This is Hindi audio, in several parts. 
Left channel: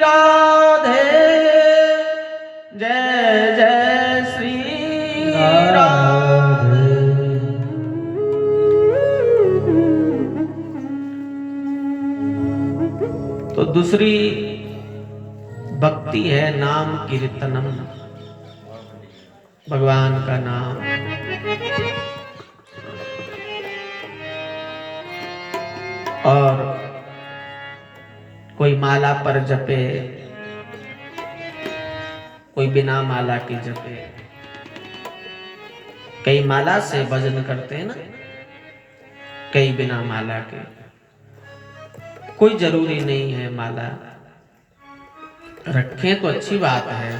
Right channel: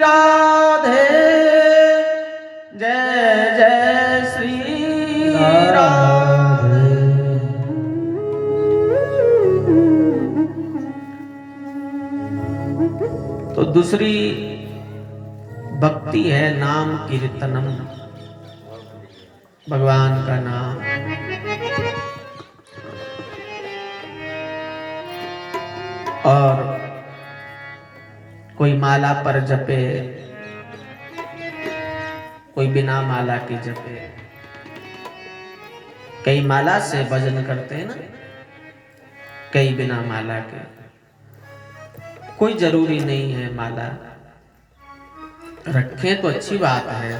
राधे, जय जय श्री राधे। तो दूसरी भक्ति है नाम कीर्तनम, भगवान का नाम। और कोई माला पर जपे, कोई बिना माला के जपे। कई माला से भजन करते हैं ना, कई बिना माला के। कोई जरूरी नहीं है माला रखें तो अच्छी बात है,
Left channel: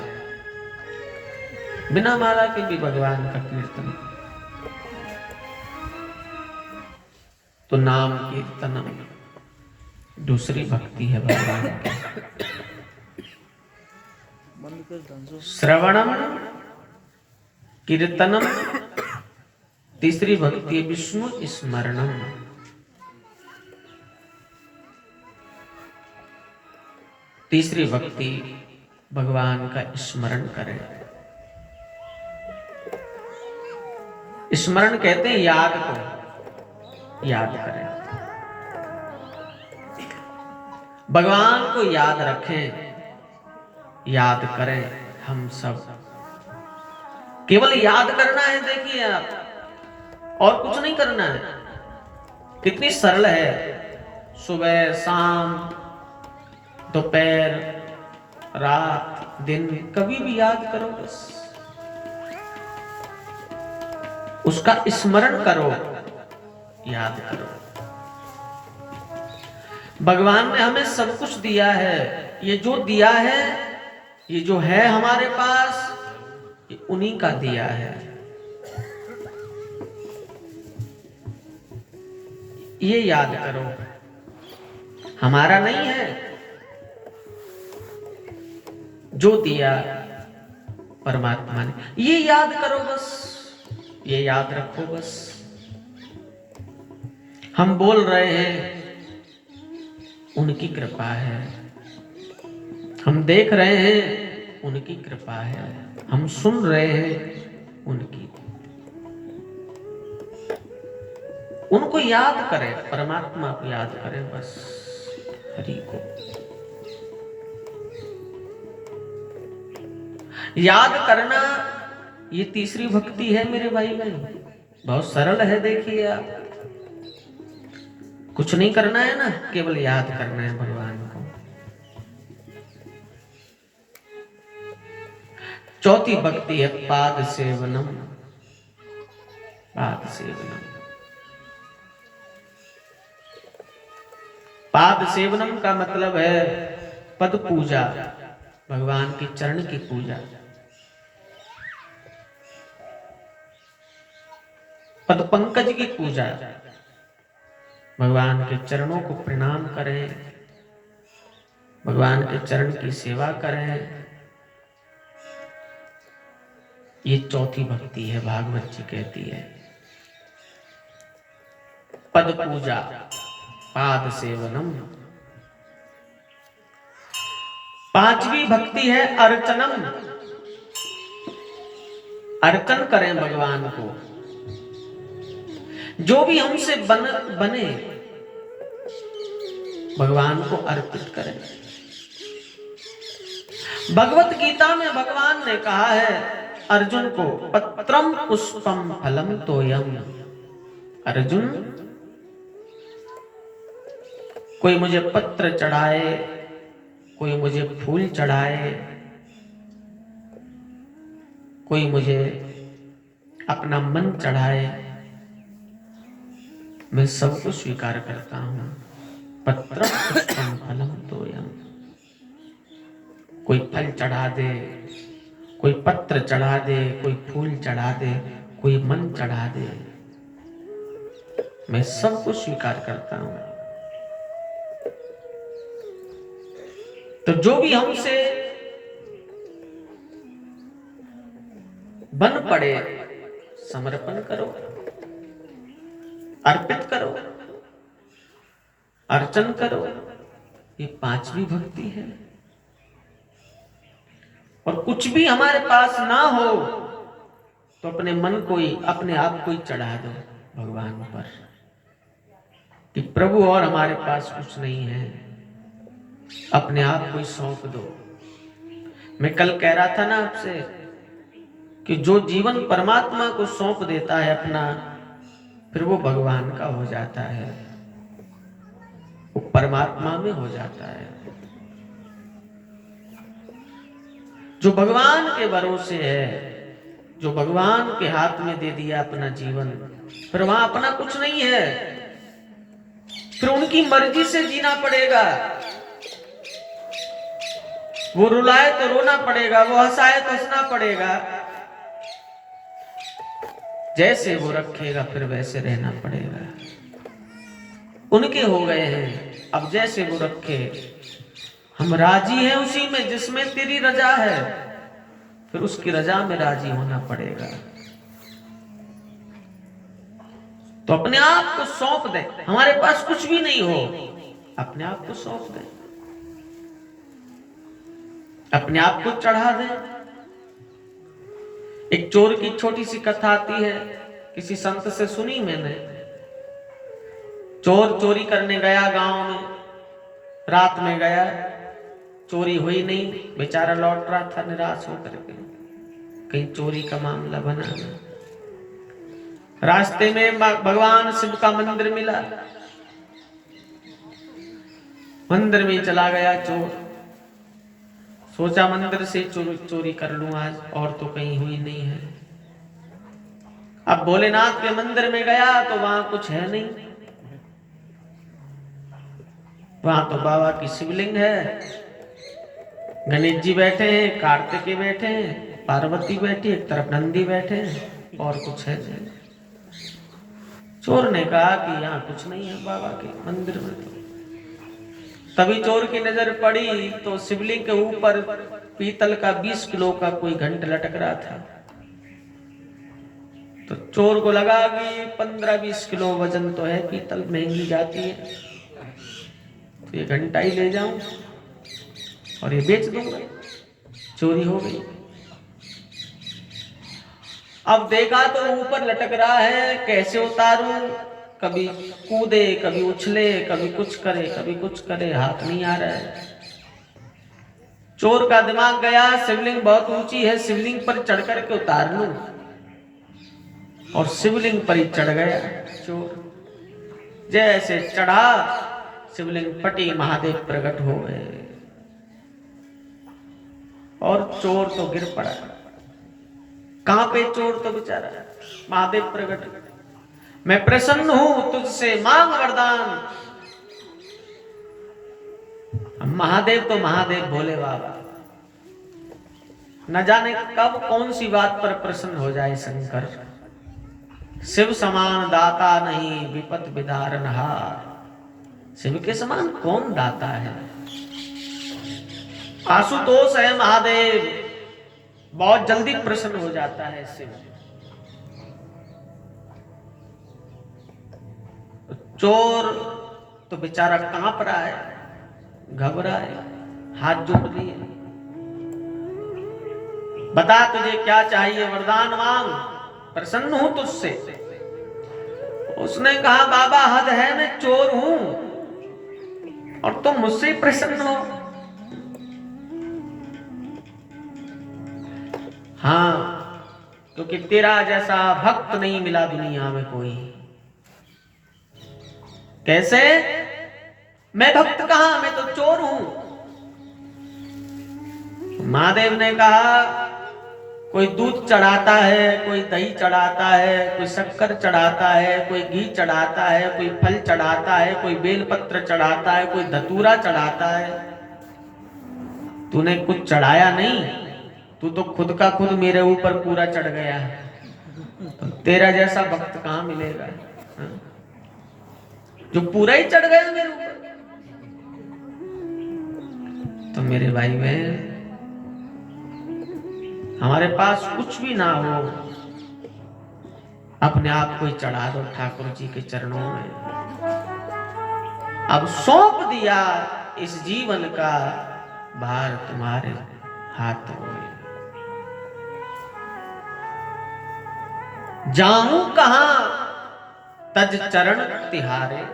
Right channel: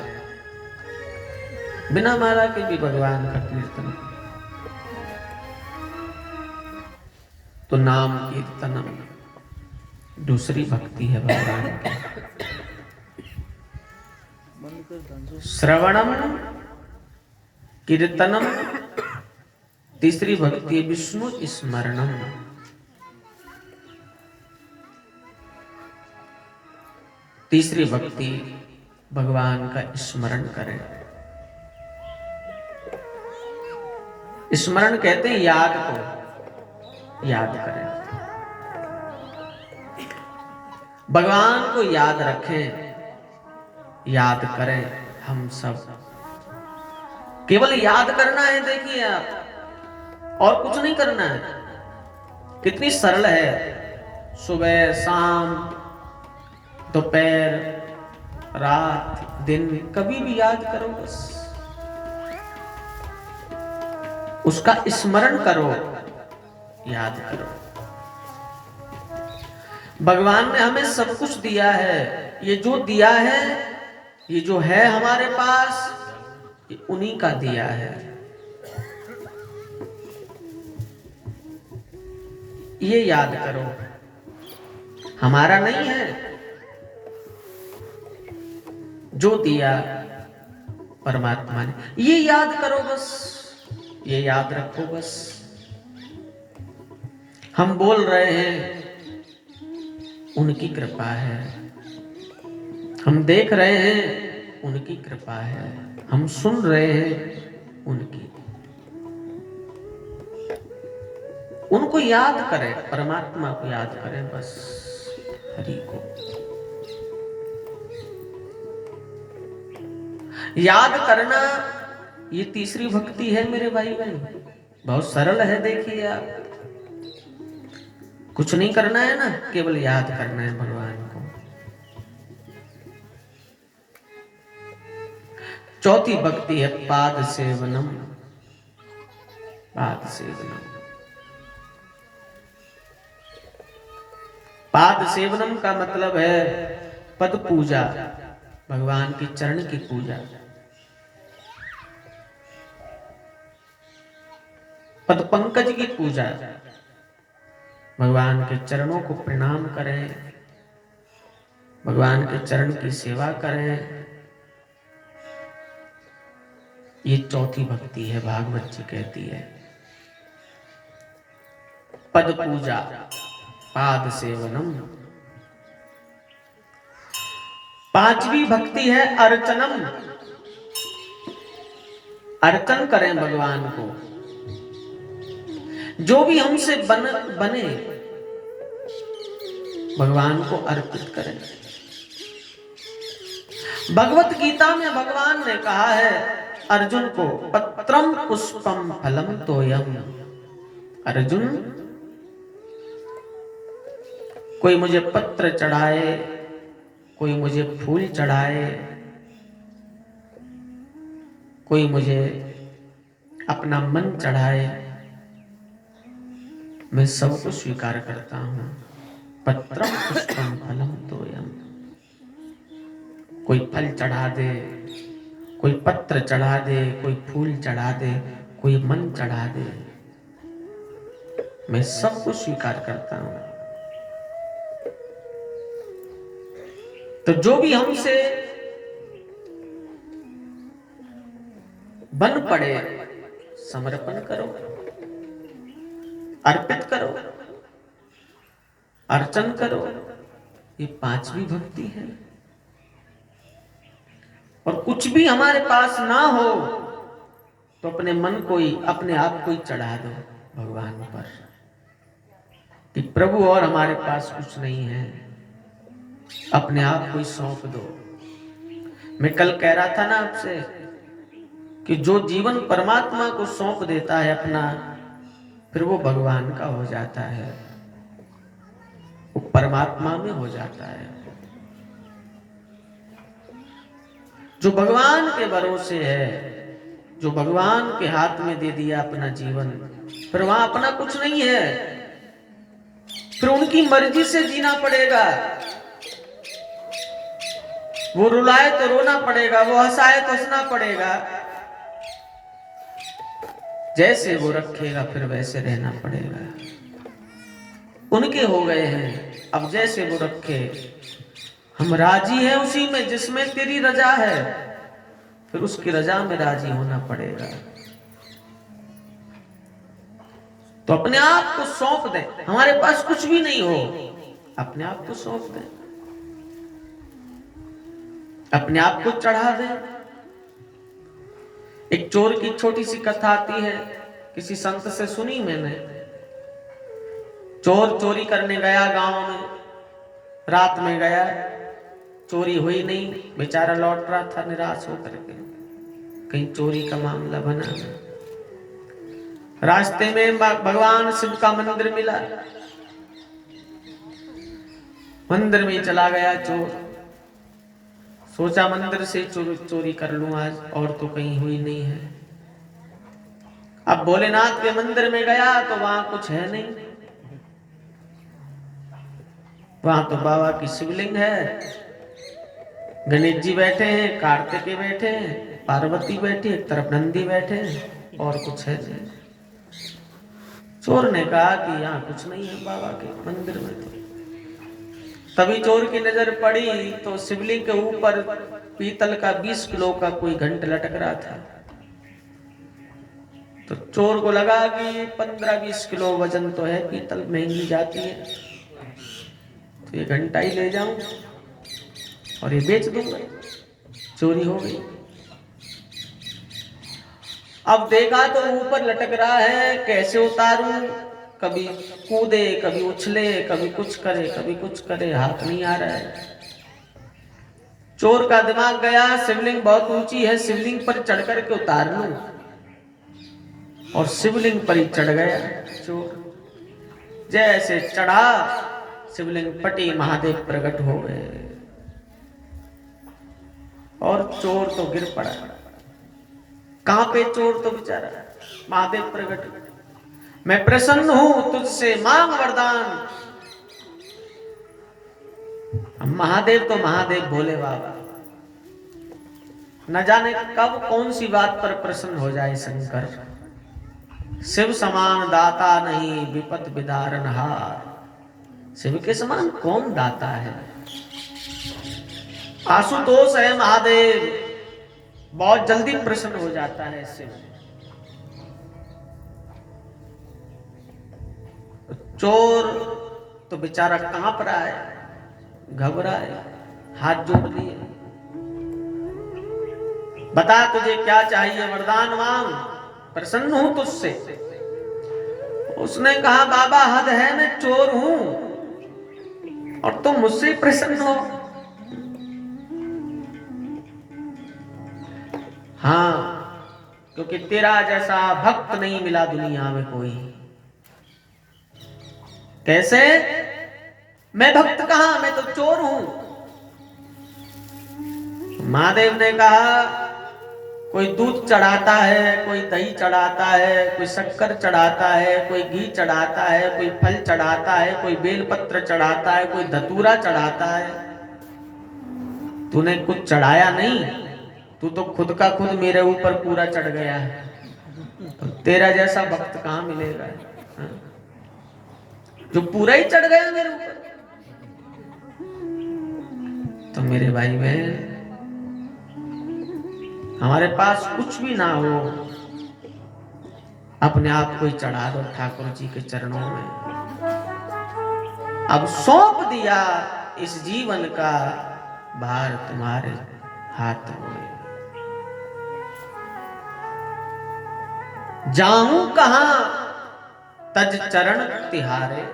बिना माला के भी भगवान का कीर्तन। तो नाम कीर्तनम दूसरी भक्ति है भगवान की। श्रवणम कीर्तनम तीसरी भक्ति है विष्णु स्मरणम। तीसरी भक्ति भगवान का स्मरण करें। स्मरण कहते हैं याद को, याद करें, भगवान को याद रखें, याद करें। हम सब केवल याद करना है, देखिए आप, और कुछ नहीं करना है। कितनी सरल है, सुबह शाम दोपहर रात दिन कभी भी याद करो, बस उसका स्मरण करो, याद करो। भगवान ने हमें सब कुछ दिया है, ये जो दिया है, ये जो है हमारे पास, ये उन्हीं का दिया है। ये याद करो, हमारा नहीं है। जो दिया परमात्मा ने, ये याद करो बस, ये याद रखो बस। हम बोल रहे हैं, उनकी कृपा है। हम देख रहे हैं, उनकी कृपा है। हम सुन रहे हैं, उनकी। उनको याद करें, परमात्मा को याद करें बस, हरि को याद करना। ये तीसरी भक्ति है मेरे भाई बहन, बहुत सरल है। देखिए आप, कुछ नहीं करना है ना, केवल याद करना है भगवान को। चौथी भक्ति है पाद सेवनम। पाद सेवनम, पाद सेवनम का मतलब है पद पूजा, भगवान के चरण की पूजा। पद पंकज की पूजा, भगवान के चरणों को प्रणाम करें, भगवान के चरण की सेवा करें। ये चौथी भक्ति है, भागवत जी कहती है। पद पूजा, पाद सेवनम। पांचवी भक्ति है अर्चनम। अर्चन करें भगवान को, जो भी हमसे बने भगवान को अर्पित करें। भगवत गीता में भगवान ने कहा है अर्जुन को, पत्रम पुष्पम फलम तोयम। अर्जुन, कोई मुझे पत्र चढ़ाए, कोई मुझे फूल चढ़ाए, कोई मुझे अपना मन चढ़ाए, मैं सबको स्वीकार करता हूं। पत्रम पुष्पम फलम तोयम। कोई फल चढ़ा दे, कोई पत्र चढ़ा दे, कोई फूल चढ़ा दे, कोई मन चढ़ा दे, मैं सबको स्वीकार करता हूं। तो जो भी हमसे बन पड़े, समर्पण करो, अर्पित करो, अर्चन करो। ये पांचवी भक्ति है। और कुछ भी हमारे पास ना हो तो अपने मन को ही, अपने आप को ही चढ़ा दो भगवान पर कि प्रभु और हमारे पास कुछ नहीं है, अपने आप को ही सौंप दो। मैं कल कह रहा था ना आपसे कि जो जीवन परमात्मा को सौंप देता है अपना, फिर वो भगवान का हो जाता है, वो परमात्मा में हो जाता है। जो भगवान के भरोसे है, जो भगवान के हाथ में दे दिया अपना जीवन, फिर वहां अपना कुछ नहीं है, फिर उनकी मर्जी से जीना पड़ेगा। वो रुलाए तो रोना पड़ेगा, वो हंसाए तो हंसना पड़ेगा, जैसे वो रखेगा फिर वैसे रहना पड़ेगा। उनके हो गए हैं, अब जैसे वो रखे हम राजी हैं उसी में जिसमें तेरी रजा है, फिर उसकी रजा में राजी होना पड़ेगा। तो अपने आप को सौंप दें, हमारे पास कुछ भी नहीं हो, अपने आप को सौंप दें, अपने आप को चढ़ा दें। एक चोर की छोटी सी कथा आती है, किसी संत से सुनी मैंने। चोर चोरी करने गया गांव में, रात में गया, चोरी हुई नहीं, बेचारा लौट रहा था निराश होकर के, कहीं चोरी का मामला बना। रास्ते में भगवान शिव का मंदिर मिला, मंदिर में चला गया चोर, सोचा मंदिर से चोरी कर लूं आज, और तो कहीं हुई नहीं है। अब भोलेनाथ के मंदिर में गया तो वहां कुछ है नहीं, वहां तो बाबा की शिवलिंग है, गणेश जी बैठे हैं, कार्तिकेय बैठे हैं, पार्वती बैठी, एक तरफ नंदी बैठे हैं, और कुछ है नहीं। चोर ने कहा कि यहाँ कुछ नहीं है बाबा के मंदिर में। तभी चोर की नजर पड़ी तो शिवलिंग के ऊपर पीतल का 20 किलो का कोई घंट लटक रहा था। तो चोर को लगा कि 15-20 किलो वजन तो है, पीतल महंगी जाती है, तो ये घंटा ही ले जाऊं और ये बेच दूंगा, चोरी हो गई। अब देखा तो ऊपर लटक रहा है, कैसे उतारूं, कभी कूदे, कभी उछले, कभी कुछ करे, कभी कुछ करे, हाथ नहीं आ रहा है। चोर का दिमाग गया, शिवलिंग बहुत ऊंची है, शिवलिंग पर चढ़ करके उतार लूं, और शिवलिंग पर ही चढ़ गया चोर। जैसे चढ़ा, शिवलिंग फटी, महादेव प्रकट हो गए और चोर तो गिर पड़ा। कहां पे चोर तो बेचारा, महादेव प्रकट, मैं प्रसन्न हूं तुझसे, मांग वरदान। महादेव तो महादेव भोले बाबा, न जाने कब कौन सी बात पर प्रसन्न हो जाए शंकर। शिव समान दाता नहीं, विपत विदारण हार। शिव के समान कौन दाता है? आशुतोष है महादेव, बहुत जल्दी प्रसन्न हो जाता है शिव। चोर तो बेचारा कांप रहा है, घबरा है, हाथ जोड़ दिए, बता तुझे क्या चाहिए, वरदान मांग, प्रसन्न हूं तुझसे। उसने कहा बाबा हद है, मैं चोर हूं और तुम मुझसे प्रसन्न हो। हाँ, क्योंकि तेरा जैसा भक्त नहीं मिला दुनिया में कोई। कैसे? मैं भक्त कहां, मैं तो चोर हूं। महादेव ने कहा कोई दूध चढ़ाता है, कोई दही चढ़ाता है, कोई शक्कर चढ़ाता है, कोई घी चढ़ाता है, कोई फल चढ़ाता है, कोई बेलपत्र चढ़ाता है, कोई धतूरा चढ़ाता है। तूने कुछ चढ़ाया नहीं, तू तो खुद का खुद मेरे ऊपर पूरा चढ़ गया है। तो तेरा जैसा भक्त कहां मिलेगा जो पूरा ही चढ़ गया मेरे ऊपर। तो मेरे भाई बहन, हमारे पास कुछ भी ना हो, अपने आप को ही चढ़ा दो ठाकुर जी के चरणों में। अब सौंप दिया इस जीवन का भार तुम्हारे, हाथ में। जाऊं कहां तज चरण तिहारे,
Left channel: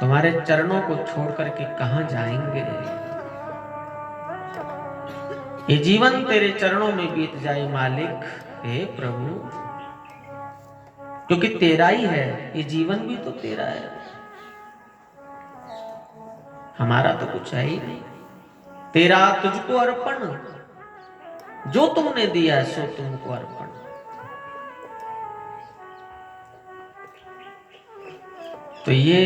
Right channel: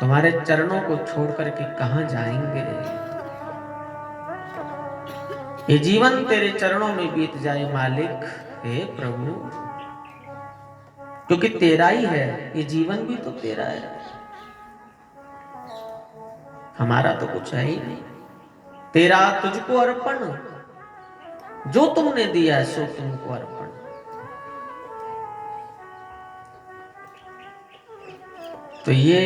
तुम्हारे चरणों को छोड़ करके कहां जाएंगे। ये जीवन तेरे चरणों में बीत जाए मालिक, हे प्रभु, क्योंकि तेरा ही है, ये जीवन भी तो तेरा है, हमारा तो कुछ है ही नहीं। तेरा तुझको अर्पण, जो तुमने दिया है सो तुमको अर्पण। तो ये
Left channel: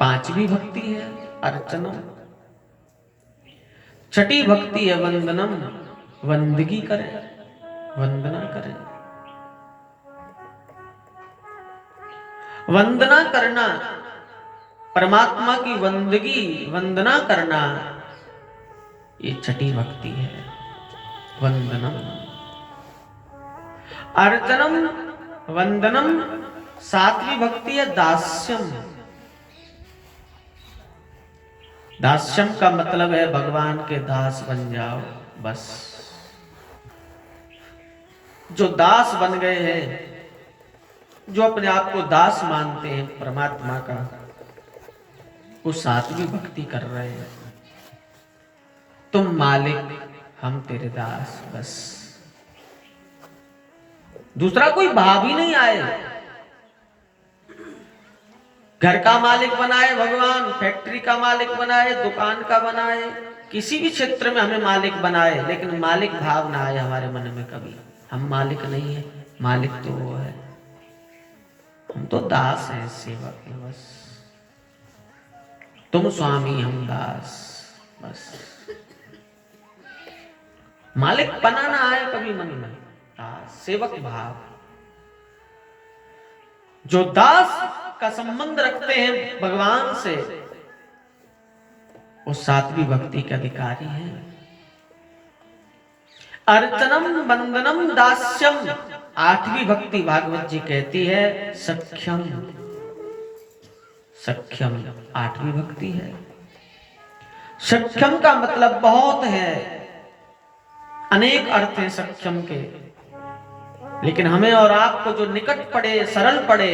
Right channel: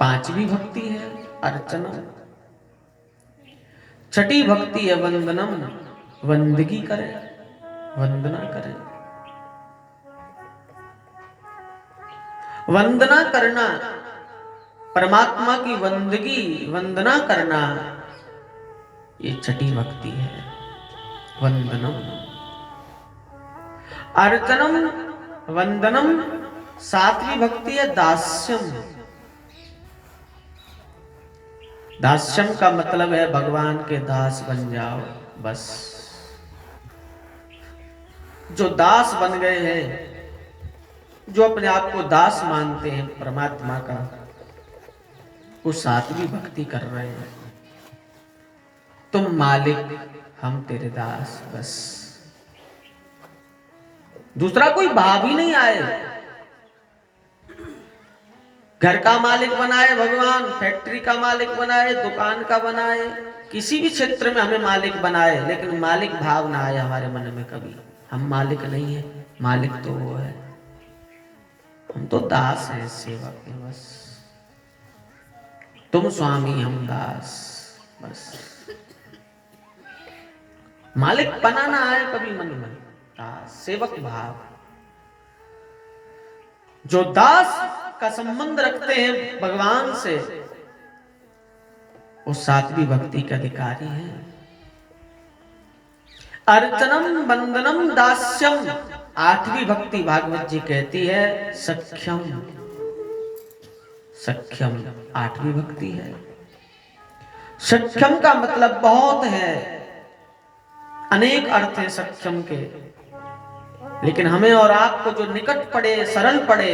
पांचवी भक्ति है अर्चनम। छठी भक्ति है वंदनम, वंदगी करें, वंदना करें। वंदना करना, परमात्मा की वंदगी वंदना करना, ये छठी भक्ति है वंदनम। अर्चनम वंदनम, सातवीं भक्ति है दास्यम। दास्यम का मतलब है भगवान के दास बन जाओ बस। जो दास बन गए हैं, जो अपने आप को दास मानते हैं परमात्मा का, वो सातवीं भक्ति कर रहे हैं। तुम मालिक, हम तेरे दास बस, दूसरा कोई भाव ही नहीं आए। घर का मालिक बनाए भगवान, फैक्ट्री का मालिक बनाए, दुकान का बनाए, किसी भी क्षेत्र में हमें मालिक बनाए, लेकिन मालिक भाव ना आए हमारे मन में कभी। हम मालिक नहीं है, मालिक तो वो है, हम तो दास हैं, सेवक हैं बस। तुम स्वामी हम दास बस। मालिक पना ना आए कभी मन में, दास सेवक भाव। जो दास का संबंध रखते हैं भगवान से, वो सातवीं भक्ति के अधिकारी हैं। अर्चनम वंदनम दास्यम, आठवीं भक्ति भागवत जी कहती है सख्यम। सख्यम आठवीं भक्ति है। सख्यम का मतलब बहुत है, अनेक अर्थ हैं सख्यम के, लेकिन हमें और आपको जो निकट पड़े, सरल पड़े,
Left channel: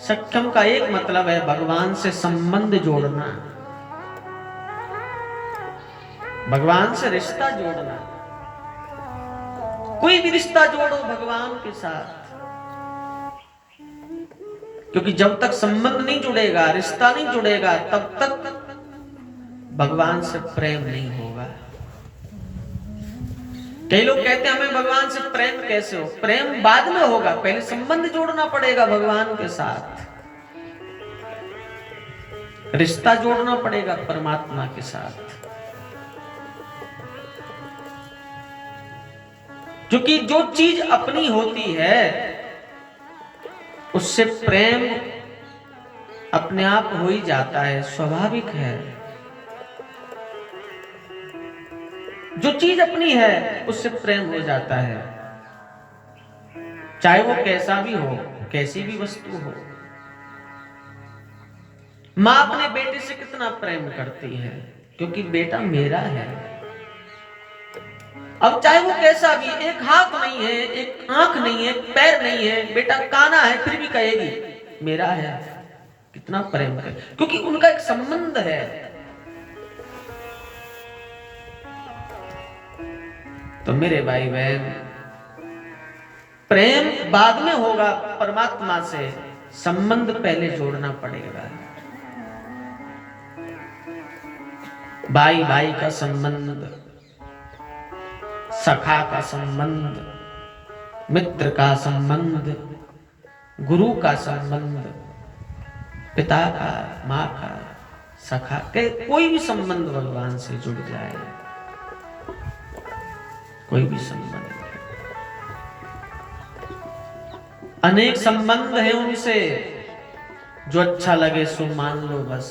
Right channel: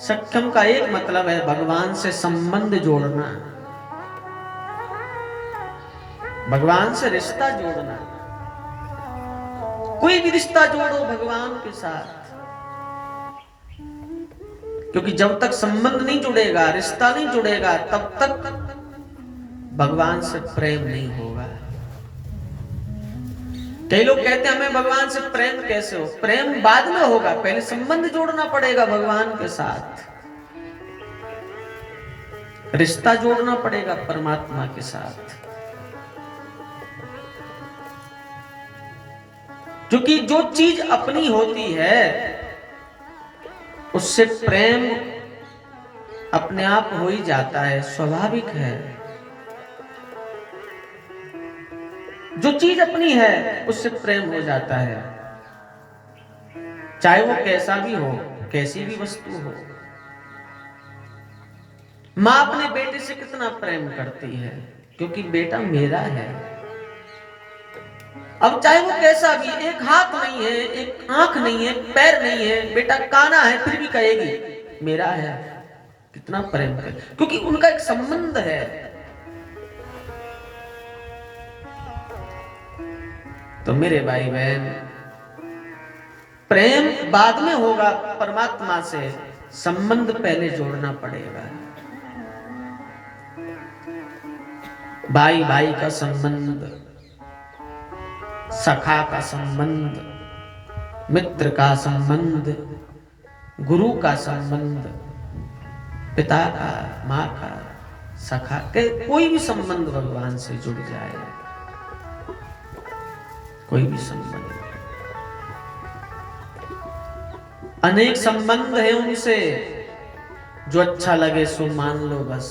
सख्यम का एक मतलब है भगवान से संबंध जोड़ना, भगवान से रिश्ता जोड़ना। कोई भी रिश्ता जोड़ो भगवान के साथ, क्योंकि जब तक संबंध नहीं जुड़ेगा, रिश्ता नहीं जुड़ेगा, तब तक भगवान से प्रेम नहीं होगा। कई लोग कहते हैं हमें भगवान से प्रेम कैसे हो? प्रेम बाद में होगा, पहले संबंध जोड़ना पड़ेगा भगवान के साथ, रिश्ता जोड़ना पड़ेगा परमात्मा के साथ। क्योंकि जो चीज अपनी होती है उससे प्रेम अपने आप हो ही जाता है, स्वाभाविक है। जो चीज अपनी है उससे प्रेम हो जाता है, चाहे वो कैसा भी हो, कैसी भी वस्तु हो। मां अपने बेटे से कितना प्रेम करती है, क्योंकि बेटा मेरा है। अब चाहे वो कैसा भी, एक हाथ नहीं है, एक आंख नहीं है, पैर नहीं है, बेटा काना है, फिर भी कहेगी मेरा है। कितना प्रेम है, क्योंकि उनका एक संबंध है। तो मेरे भाई बहन, प्रेम बाद में होगा परमात्मा से, संबंध पहले जोड़ना पड़ेगा। भाई भाई का संबंध, सखा का संबंध, मित्र का संबंध, गुरु का संबंध, पिता का, माँ का, सखा के कोई भी संबंध भगवान से जुड़ जाए, कोई भी संबंध। अनेक संबंध है उनसे, जो अच्छा लगे सो मान लो बस,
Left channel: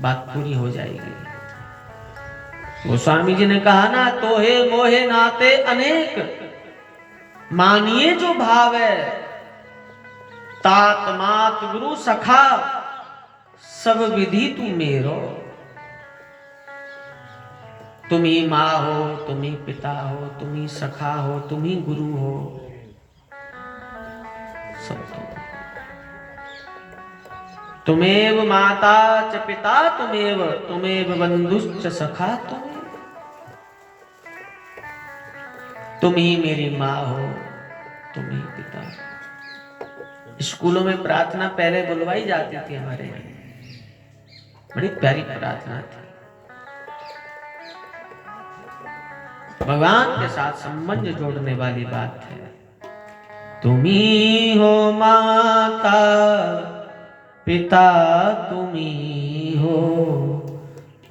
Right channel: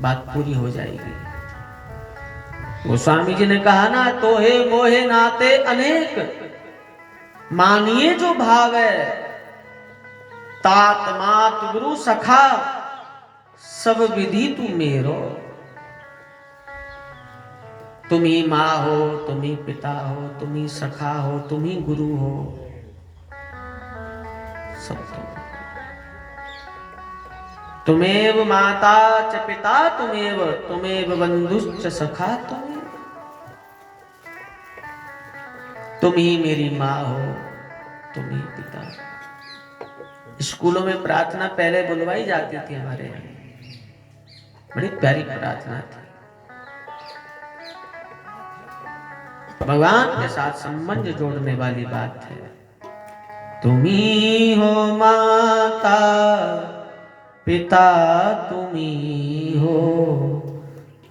बात पूरी हो जाएगी। गोस्वामी जी ने कहा ना, तोहे मोहे नाते अनेक, मानिए जो भाव है, तात मात गुरु सखा, सब विधि तू मेरो। तुम ही माँ हो, तुम ही पिता हो, तुम ही सखा हो, तुम ही गुरु हो, सब तुमेव माता च पिता तुमेव बंधुश्च सखा तुम ही मेरी माँ हो, तुम ही पिता। स्कूलों में प्रार्थना पहले बुलवाई जाती थी हमारे, बड़ी प्यारी प्रार्थना थी। भगवान के साथ संबंध जोड़ने वाली बात है। तुम ही हो माता पिता, तुम ही हो,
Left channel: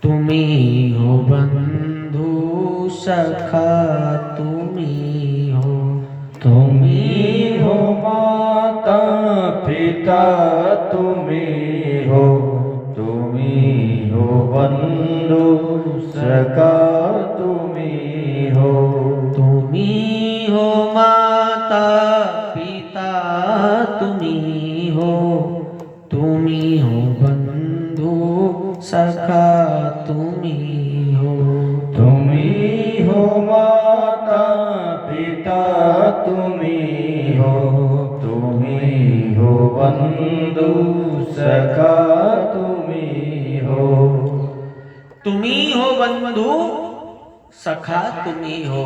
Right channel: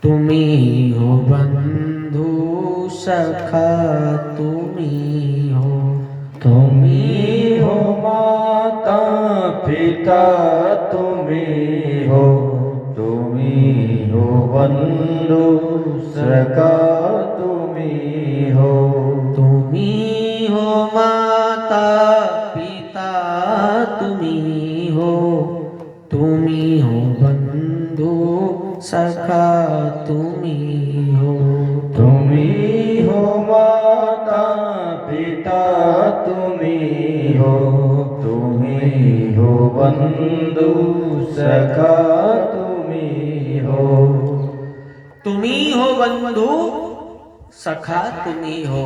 तुम ही हो बंधु सखा, तुम ही हो, तुम ही हो माता पिता, तुम ही हो, तुम ही हो बंधु सखा, तुम ही हो। तुम ही हो माता पिता, तुम ही हो, तुम ही हो बंधु सखा, तुम ही हो। तुम ही हो माता पिता, तुम ही हो, तुम ही हो बंधु सखा, तुम ही हो। तुम ही हो बंधु सखा, तुम ही हो,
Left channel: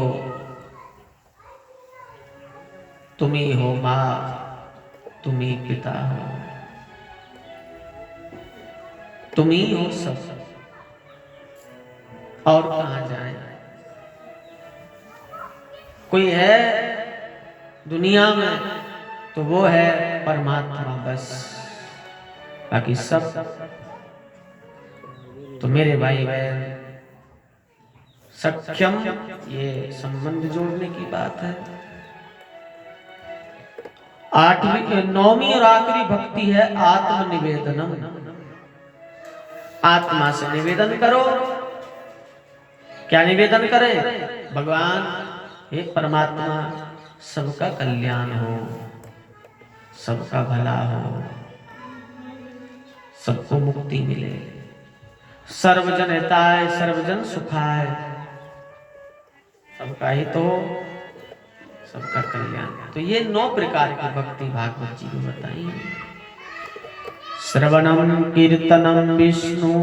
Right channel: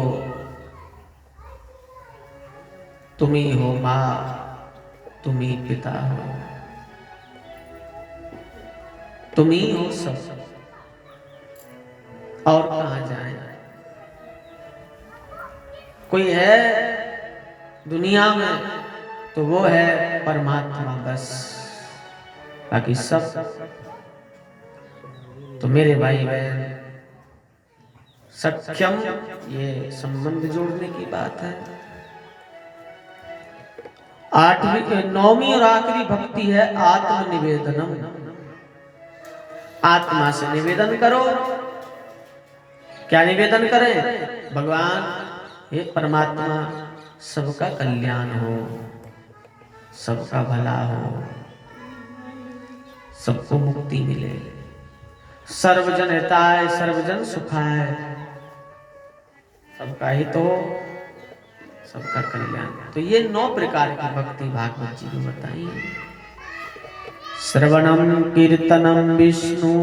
तुम ही हो माँ, तुम ही पिता हो, तुम ही हो सब, और कहां जाए। कोई है दुनिया में तो वो है परमात्मा बस, बाकी सब तो मेरे भाई बहन सक्षम। ये संबंध जोड़ने की बात है। आठवीं नौवीं और आखिरी भक्ति है आत्मनिवेदनम। आत्मा से निवेदन करो। क्या निवेदन करें? भगवान हे परमात्मा, सबका कल्याण हो, सबका भला हो, सबको मुक्ति मिले, सर्वजन हिताय सर्वजन सुखाय, सबका हित हो, सबका कल्याण। तो ये 9 प्रकार की भक्ति भागवत जी ने बताई। श्रवणम कीर्तनम विष्णु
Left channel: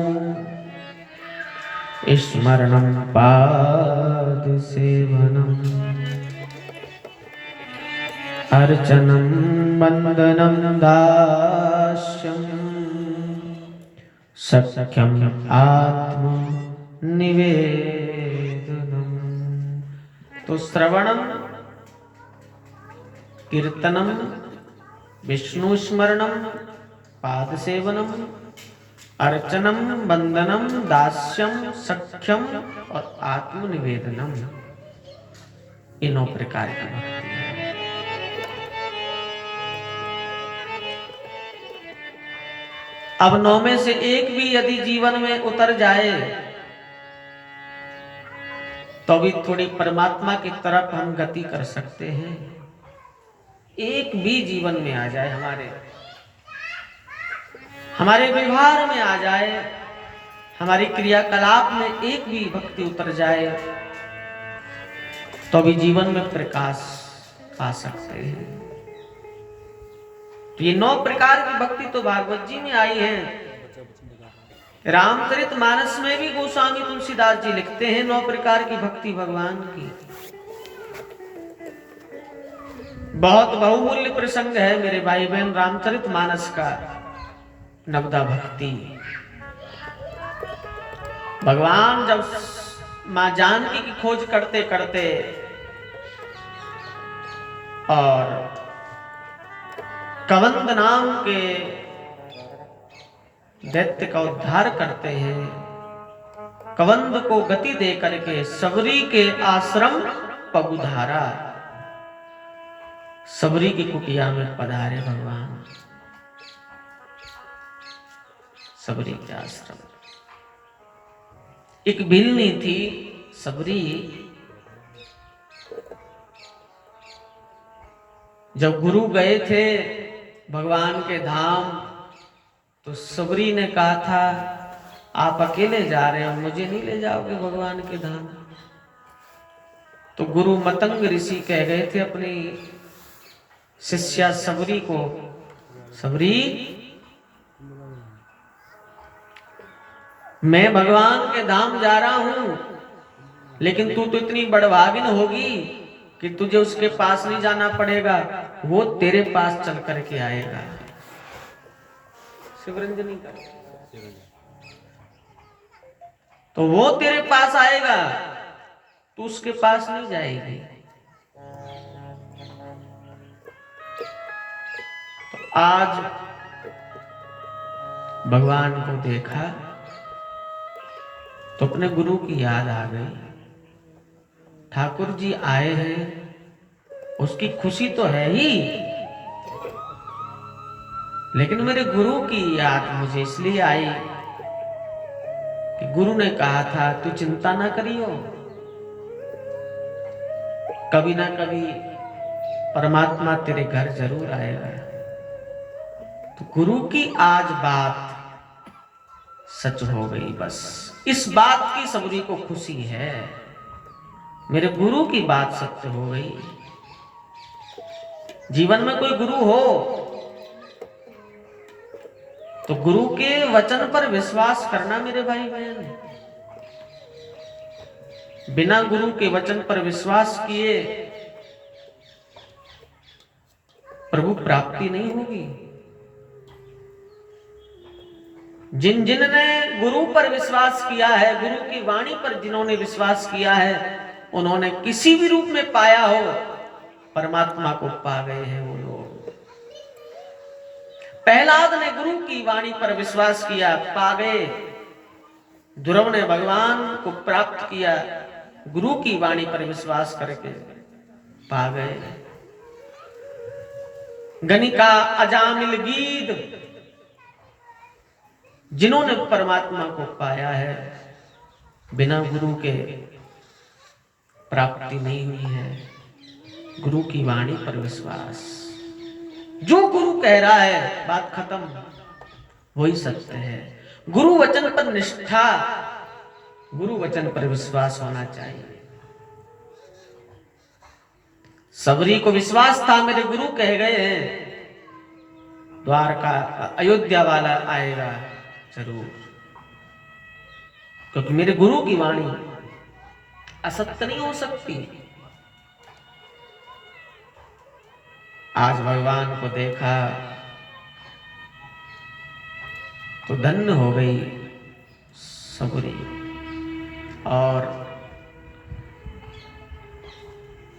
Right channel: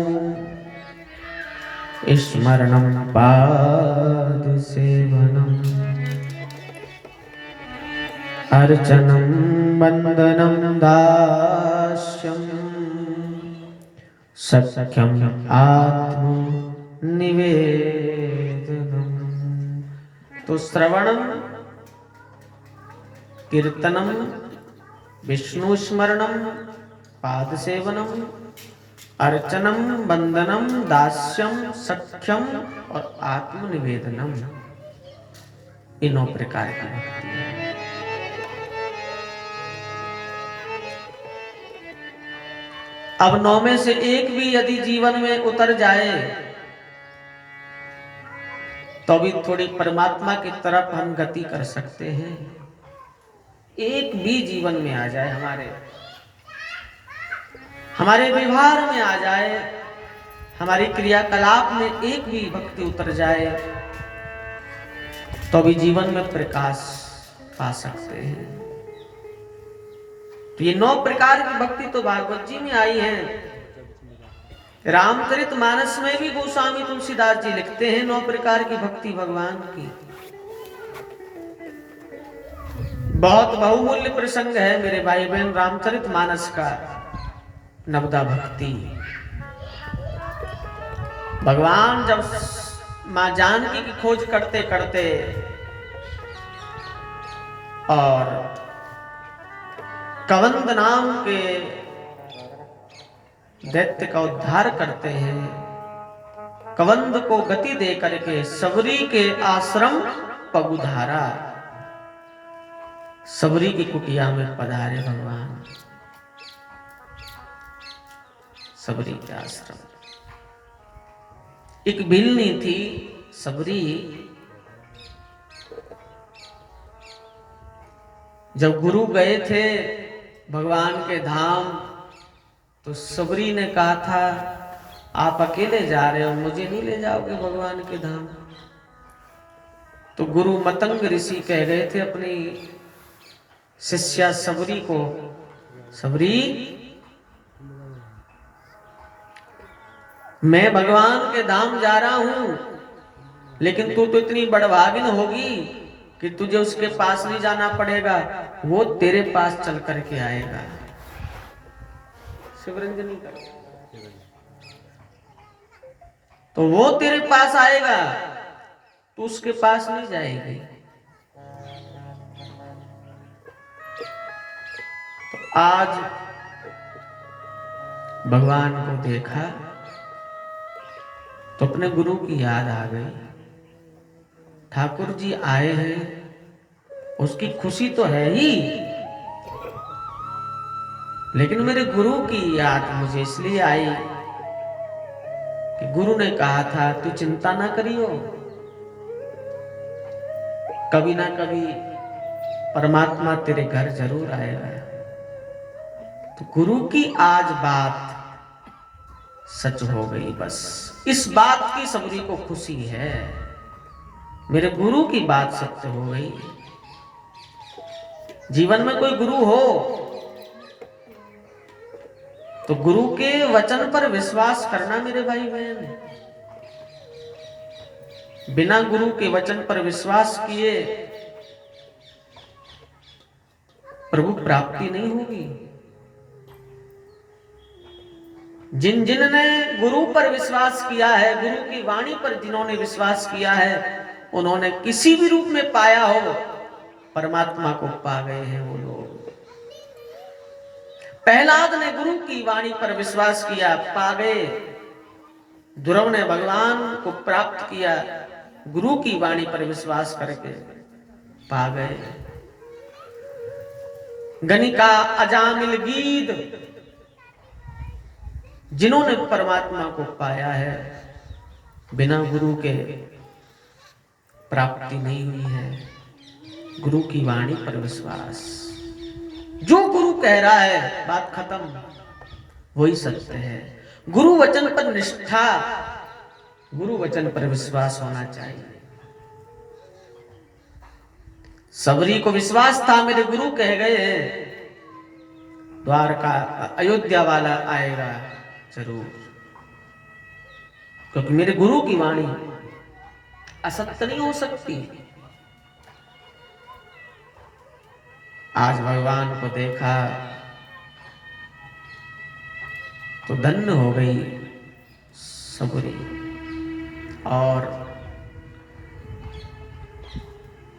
स्मरणम पाद सेवनम अर्चनम वंदनम दास्यम सख्यम आत्म निवेदनम। तो श्रवणम कीर्तनम विष्णु स्मरणम पाद सेवनम अर्चनम वंदनम दास्यम सख्यम और आत्म निवेदनम, ये 9 प्रकार की भक्ति है। अब 9 में से एक भी यदि जीवन में उतर जाए तो भी थोड़ी परमात्मा की तरफ हम गति कर सकते हैं। एक भी जीवन में आ जाए, हमारे व्यवहार में आ जाए, हमारी क्रियाकलाप में एक भी भक्ति उतर जाए तो भी जीवन में प्रकाश पा सकते हैं। तो ये 9 प्रकार की भक्ति तो भागवत जी में आई है। रामचरितमानस में भी गोस्वामी तुलसीदास जी लिखते हैं 9 प्रकार की भक्ति भगवान की। बहुत बहुमूल्य प्रसंग है मेरे भाई बहन रामचरितमानस का, नवदा भक्ति। भगवान जब मां जानकी की खोज करते करते और कवंद नाम के दैत्य का उद्धार करते हैं, कवंद को गति दे करके सबरी के आश्रम पगुधारा, सबरी की कुटिया में पधारे भगवान। सबरी के आश्रम एक भिल्ली थी सबरी, जब गुरु गए थे भगवान के धाम तो सबरी ने कहा था आप अकेले जा रहे हो, मुझे नहीं ले जाओगे भगवान के धाम? तो गुरु मतंग ऋषि कह गए थे अपनी शिष्या सबरी को, सबरी मैं भगवान के धाम जा रहा हूं, लेकिन तू तो इतनी बड़भागिन होगी कि तुझे उसके पास नहीं जाना पड़ेगा, वो तेरे पास चल करके आएगा। शिवरंजनी का तो वो तेरे पास आएगा, तू उसके पास नहीं जाएगी। तो आज भगवान को देखा तो अपने गुरु की याद आ गई। ठाकुर जी आए हैं, उसकी खुशी तो है ही, लेकिन मेरे गुरु की याद मुझे इसलिए आई कि गुरु ने कहा था तू चिंता ना करियो, कभी ना कभी परमात्मा तेरे घर जरूर आएगा। तो गुरु की आज बात सच हो गई। बस इस बात की सबरी को खुशी है, मेरे गुरु की बात सत्य हो गई। जीवन में कोई गुरु हो तो गुरु के वचन पर विश्वास करना मेरे भाई बहन। बिना गुरु के वचन पर विश्वास किए प्रभु प्राप्ति नहीं होगी। जिन जिन ने गुरु पर विश्वास किया है, गुरु की वाणी पर जिन्होंने विश्वास किया है, उन्होंने किसी भी रूप में पाया हो, परमात्मा को पा गए हैं वो लोग। प्रहलाद ने गुरु की वाणी पर विश्वास किया, पा गए। ध्रुव ने भगवान को प्राप्त किया, गुरु की वाणी पर विश्वास करके पा गए। गणिका, अजामिल, गीद, जिन्होंने परमात्मा को पाया है, बिना गुरु के प्राप्ति नहीं हुई है। गुरु की वाणी पर विश्वास, जो गुरु कह रहा है बात खत्म, वही सत्य है। गुरु वचन पर निष्ठा, गुरु वचन पर विश्वास होना चाहिए। सबरी को विश्वास था, मेरे गुरु कह गए हैं द्वारका अयोध्या वाला आएगा जरूर, क्योंकि मेरे गुरु की वाणी असत्य नहीं हो सकती। आज भगवान को देखा तो धन्य हो गई सबरी। और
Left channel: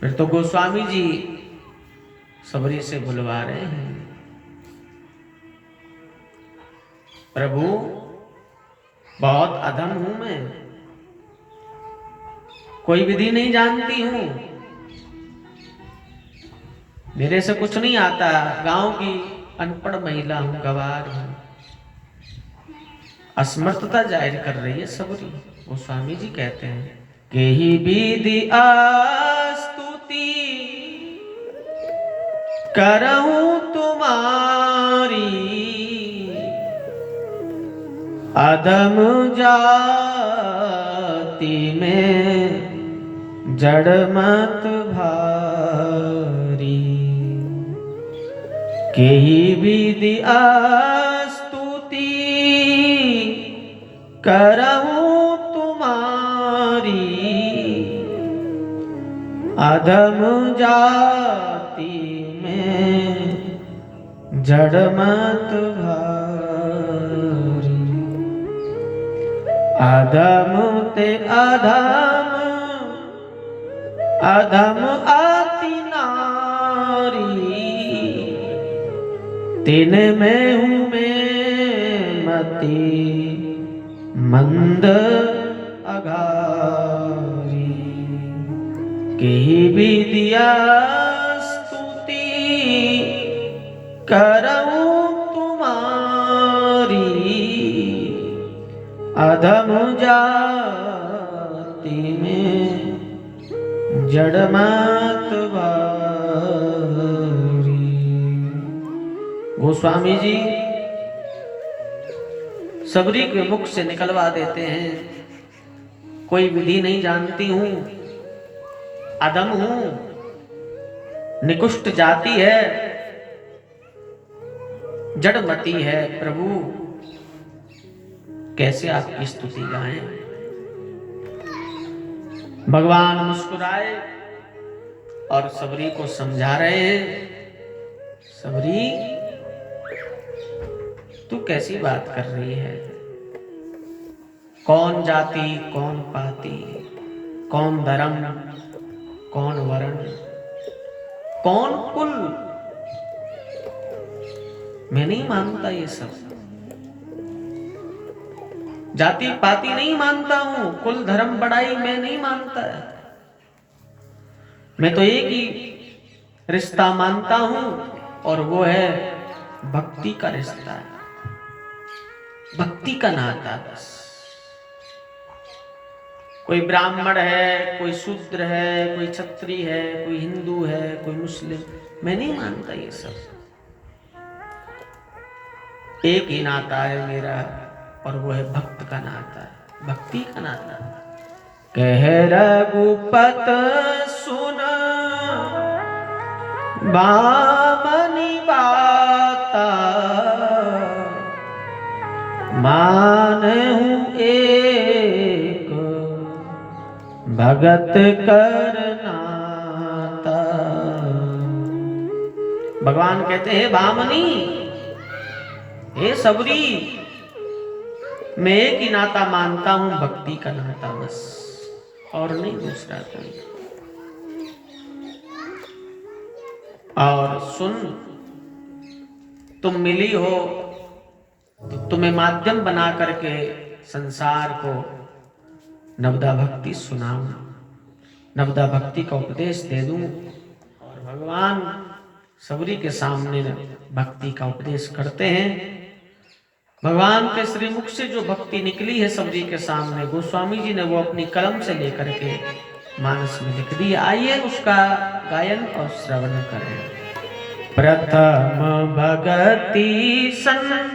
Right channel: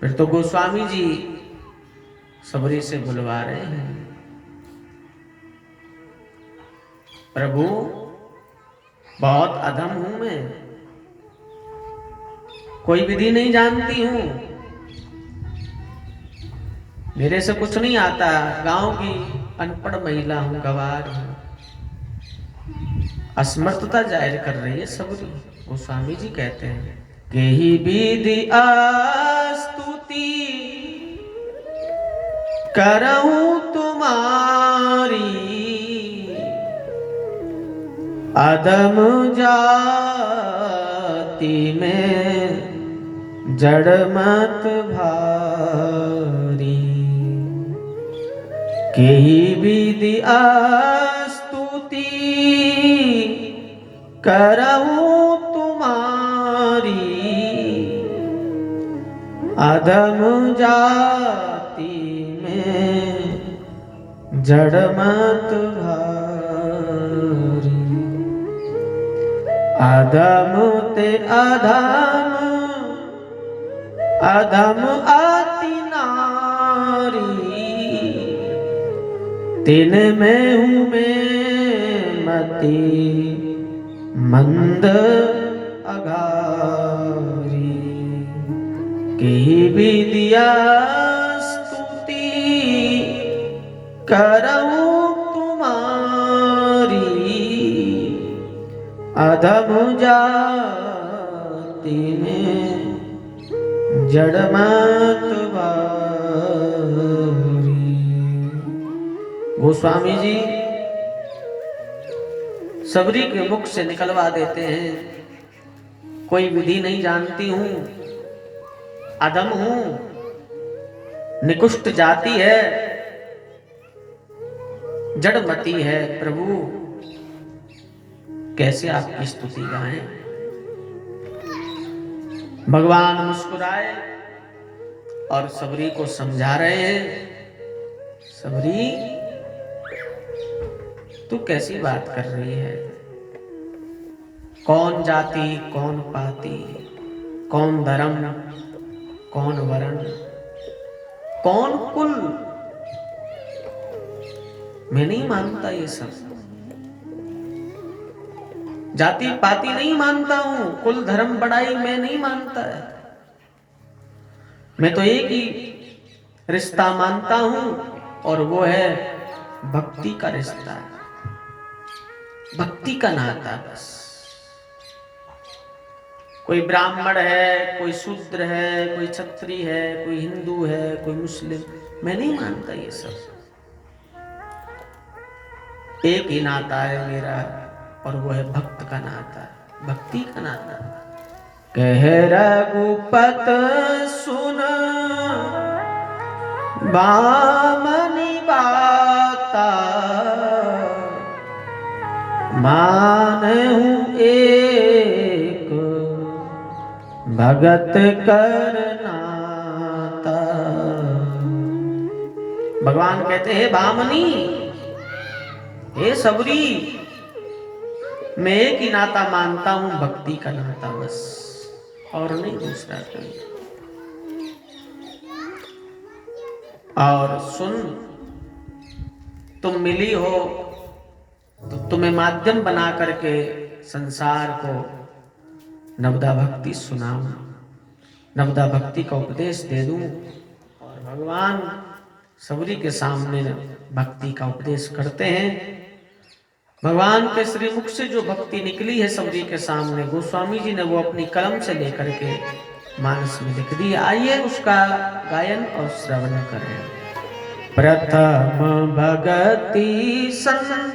फिर तो गोस्वामी जी सबरी से बुलवा रहे हैं, प्रभु बहुत अधम हूं मैं, कोई विधि नहीं जानती हूं, मेरे से कुछ नहीं आता, गांव की अनपढ़ महिला हूं, गवार हूं। असमर्थता जाहिर कर रही है सबरी। गोस्वामी जी कहते हैं कि ही विधि स्तुति करऊं तुम्हारी, अधम जाति में जड़ मत भारी। केही विधि स्तुति करऊं तुम्हारी, अधम जाति में जड़ मत भारी। अधम ते अधम, अधम आति नारी, तिन में हूँ मैं मति मंद अघारी। केही विधिया स्तुति करऊं तुम्हारी, अधम जाति में जड़ मत भारी। गोस्वामी जी सबरी के मुख से निकलवा देते हैं। कोई विधि नहीं जानती हूं, अदम हूं, निकुष्ट जाति है, जड़मती है, प्रभु कैसे आपकी स्तुति गाएं। भगवान मुस्कुराए और सबरी को समझा रहे हैं, सबरी तू कैसी बात कर रही है? कौन जाति, कौन पाति, कौन धर्म, कौन वर्ण, कौन कुल, मैं नहीं मानता ये सब। जाति पाति नहीं मानता हूं, कुल धर्म बड़ाई मैं नहीं मानता है। मैं तो एक ही रिश्ता मानता हूं और वो है भक्ति का रिश्ता, भक्ति का नाता। बस कोई ब्राह्मण है, कोई शूद्र है, कोई क्षत्रिय है, कोई हिंदू है, कोई मुस्लिम, मैं नहीं मानता ये सब। एक ही नाता है मेरा और वो है भक्त का नाता, भक्ति का नाता। कह रघुपत सुन बामनी बाता, मानहु एक भगत करनाता। भगवान कहते हैं भामनी, हे सबरी, मैं एक ही नाता मानता हूं, भक्ति का नाता, बस और नहीं दूसरा कोई। और सुन, तुम मिली हो तो तुम्हें माध्यम बना करके संसार को नवदा भक्ति सुनाऊं, नवदा भक्ति का उपदेश दे दूं। और भगवान सबरी के सामने भक्ति का उपदेश करते हैं। भगवान के श्री मुख से जो भक्ति निकली है सबरी के सामने, गोस्वामी जी ने वो अपनी कलम से लेकर के मानस में लिख दी। आइए उसका गायन और श्रवण करें। प्रथम भगति संग